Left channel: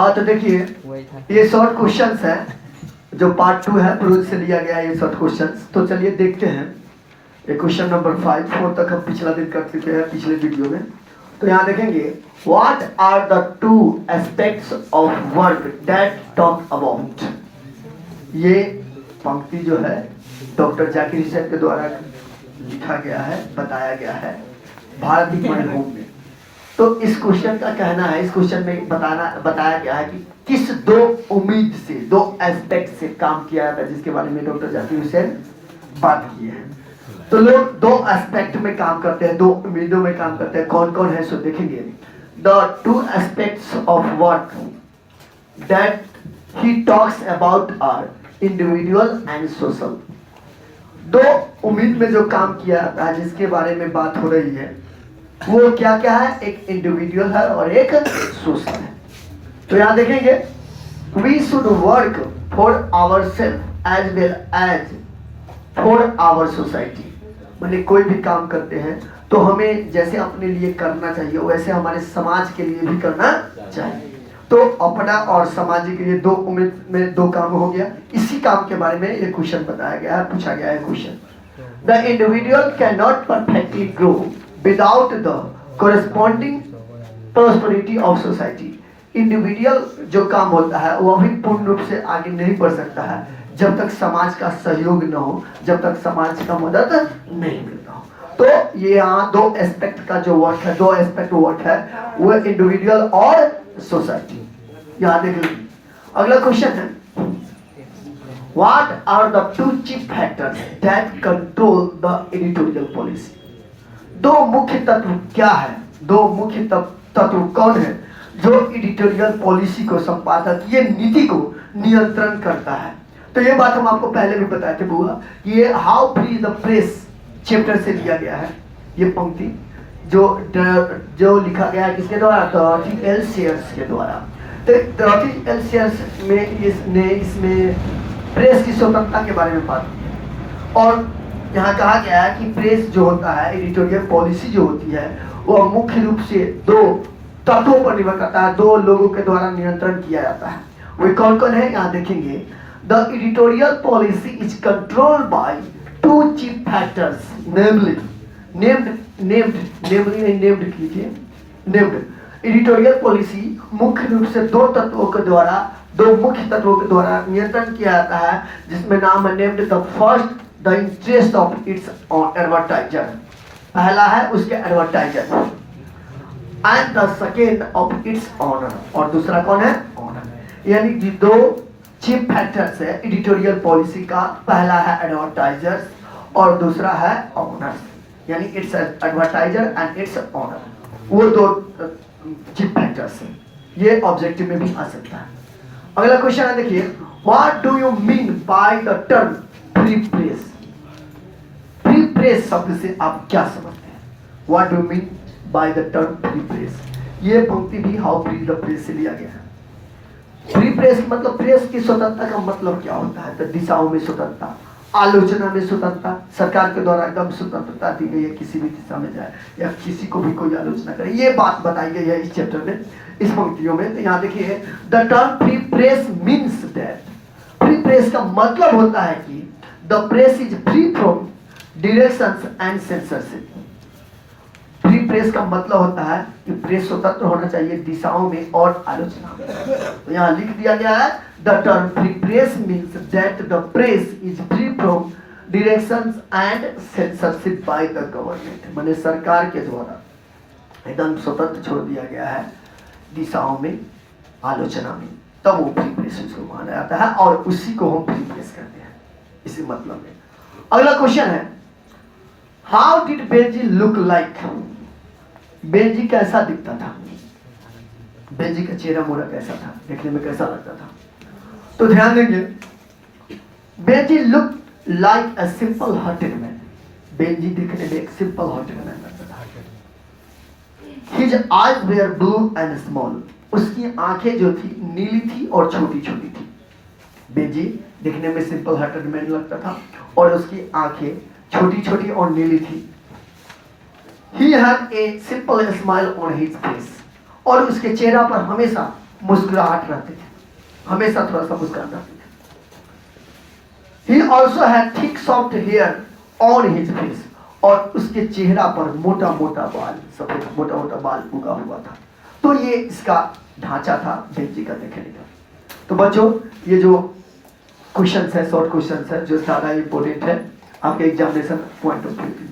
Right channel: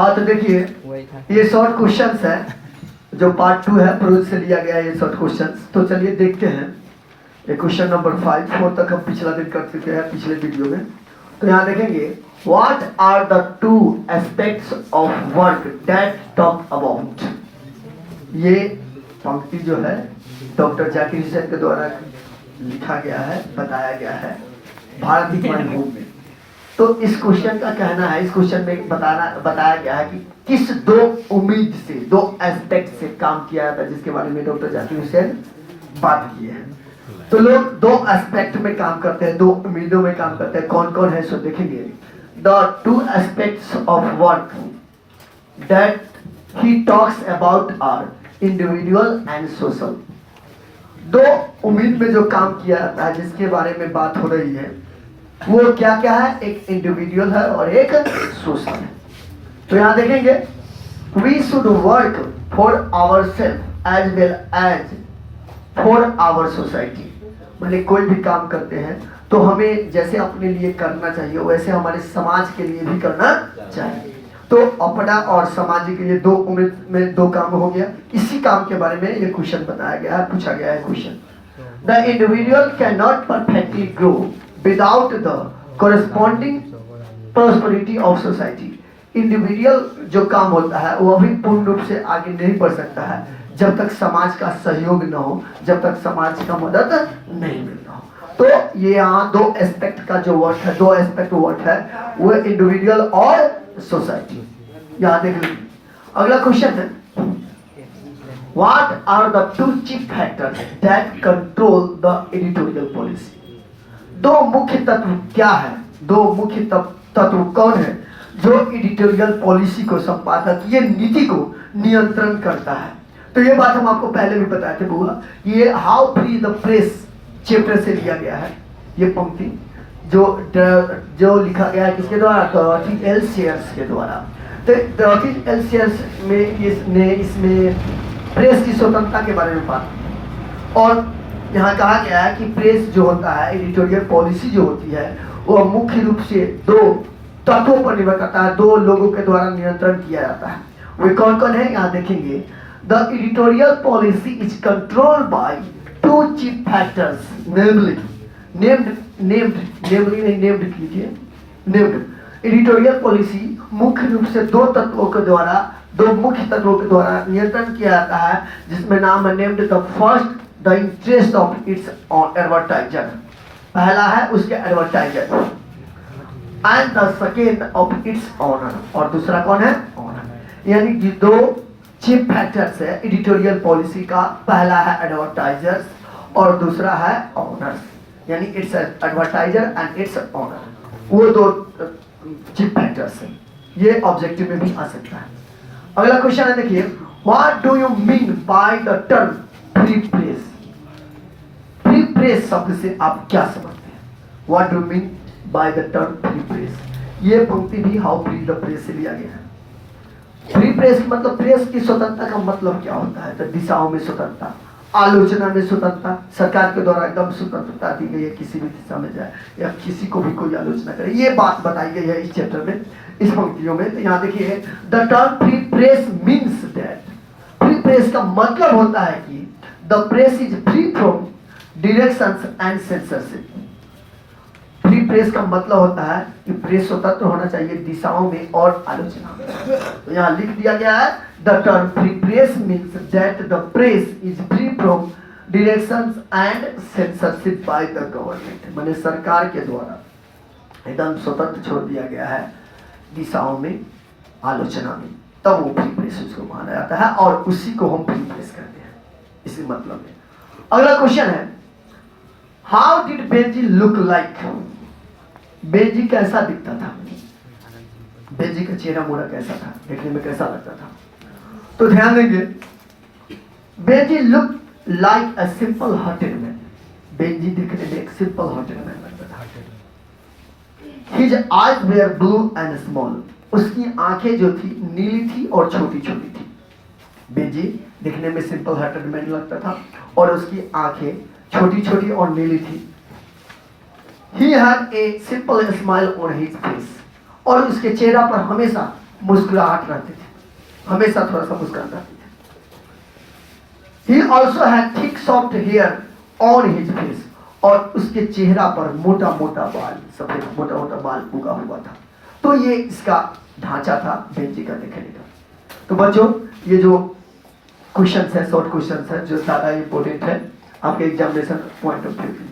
हाँ तो देखिए ये शॉर्ट क्वेश्चंस है जो पार्ट 2 है, प्रोज से लिया गया है ये शॉर्ट क्वेश्चंस। तो चलिए देखते हैं ये क्वेश्चन नंबर 5 4 तक हम पिछला दिन कर चुके हैं पिछले वीडियो में। तो यहाँ देखेंगे what are the two aspects of work that talk about. ये पंक्ति जो है डॉक्टर जाकिर हुसैन के द्वारा लिखा गया है, बताया गया है भारतीय मनोरम में। तो इस क्वेश्चन का कहना है, इस क्वेश्चन में बताया गया है कि किस दो उम्मीद से, दो एस्पेक्ट से काम किया जाता है, जिसके बारे में डॉक्टर जाकिर हुसैन बात की है। तो लोग दो एस्पेक्ट में काम करते हैं, दो उम्मीदों में काम करते हैं। कौन कौन है सो देखेंगे। The two aspects of work that he talks about are individual and social. दो उम्मीद में जो काम किया जाता है, जिसके बारे में बात हो रही है, वो क्या क्या है। एक इंडिविजुअल है और एक सोशल है। तो यहां देखेंगे we should work for our self as well as for our society. माने कोई भी काम करते हैं तो हमें जैसे अपने लिए करना चाहिए वैसे हमारे समाज के लिए भी करना चाहिए। तो अपना और समाज के लिए दो उम्मीद में दो काम हो गया। इसी काम के बारे में ये क्वेश्चन बताया गया है, पूछा गया है question. The individual can not perfectly grow without the corresponding prosperity of society। Individual जो काम होता है वो अभी पूर्ण रूप से आगे नहीं बढ़ सकता है जब तक समाज का सहयोग न हो, जब तक समाज का मदद नहीं मिलता हो। तो ये यहाँ दो एस्पेक्ट का जो वर्क है, दो एस्पेक्ट वर्क है, वो इंडिविजुअल और सोसाइटी। यहाँ देख लीजिए अगला क्वेश्चन है what are the two chief factors that control the editorial policy. दो मुख्य तत्व क्या है, दो मुख्य तत्व कौन है जो एडिटोरियल पॉलिसी को, संपादकीय नीति को नियंत्रण करता है। तो ये बात हम आपको पहले भी बताए थे बुआ, ये how free the press chapter से लिया गया है। ये पंक्ति जो लिखा गया है किसके द्वारा, डॉरोथी एल शेयर्स के द्वारा। तो डॉरोथी एल शेयर्स में इसमें प्रेस की स्वतंत्रता के बारे में बात की। और यहाँ कहा गया है कि प्रेस जो होता है, एडिटोरियल पॉलिसी जो होती है, वो मुख्य रूप से दो तत्वों पर निर्भर करता है, दो लोगों के द्वारा नियंत्रण किया जाता है। वे कौन कौन है यहाँ देखेंगे। The editorial policy is controlled by two chief factors namely named कीजिए। एडिटोरियल पॉलिसी मुख्य रूप से दो तत्वों के द्वारा, दो मुख्य तत्वों के द्वारा नियंत्रण किया जाता है, जिसमें नाम है named. The first the interest of its advertiser, पहला है उसके advertiser, and the second of its owner, और दूसरा कौन है, ऑनर। यानी कि दो चीफ फैक्टर्स है एडिटोरियल पॉलिसी का, पहला है एडवर्टाइजर्स और दूसरा है ऑनर्स। यानी its advertiser and its owner, वो दो चीफ फैक्टर्स हैं। ये ऑब्जेक्टिव में भी आ सकता है। अगला क्वेश्चन है देखिए what do you mean by the term free press. Free press शब्द से आप क्या समझते हैं, what do mean by the term free press. ये पंक्ति भी हाउ फ्री द प्रेस से लिया गया है। फ्री प्रेस मतलब प्रेस की स्वतंत्रता का मतलब क्या होता है, तो दिशाओं में स्वतंत्रता, आलोचना में स्वतंत्रता, सरकार के द्वारा एकदम स्वतंत्रता दी गई है, किसी भी दिशा में जाए या किसी को भी कोई आलोचना करे, ये बात बताई गई है इस चैप्टर में, इस पंक्तियों में। तो यहाँ देखिए the term free press means that, free press का मतलब होता है कि the press is free from directions and censorship. Free press का मतलब होता है कि प्रेस स्वतंत्र होना चाहिए दिशाओं में और आलोचना में। तो यहाँ लिख दिया गया है the term free press means that the press is free from directions and censorship by the government. माने सरकार के द्वारा एकदम स्वतंत्र छोड़ दिया गया है दिशाओं में, आलोचना में, तब वो फ्री प्रेस उसको माना जाता है और उसी को हम फ्री प्रेस करते हैं, इसी मतलब में। अगला क्वेश्चन है how did Benji look like. Benji कैसा दिखता था, बेंजी का चेहरा मोड़ा कैसा था, देखने में कैसा लगता था। तो ध्यान देंगे Benjy look like a simple hearted man. Benjy दिखने में एक सिंपल हार्टेड मैन लगता था। His eyes were blue and small, उसकी आंखें जो थी नीली थी और छोटी छोटी थी। बेंजी दिखने में सिंपल हार्टेड मैन लगता था और उसकी आंखें छोटी छोटी और नीली थी। He had a simple smile on his face, और उसके चेहरा पर हमेशा मुस्कुराहट रहती थी, हमेशा थोड़ा सा मुस्कुराता रहते थे। He also had thick soft hair on his face, और उसके चेहरा पर मोटा मोटा बाल, सफेद मोटा मोटा बाल उगा हुआ था। तो ये इसका ढांचा था बेंजी का देखने का। तो बच्चों ये जो क्वेश्चन है, शॉर्ट क्वेश्चन है, जो ज़्यादा इंपॉर्टेंट है आपके एग्जामिनेशन पॉइंट ऑफ व्यू।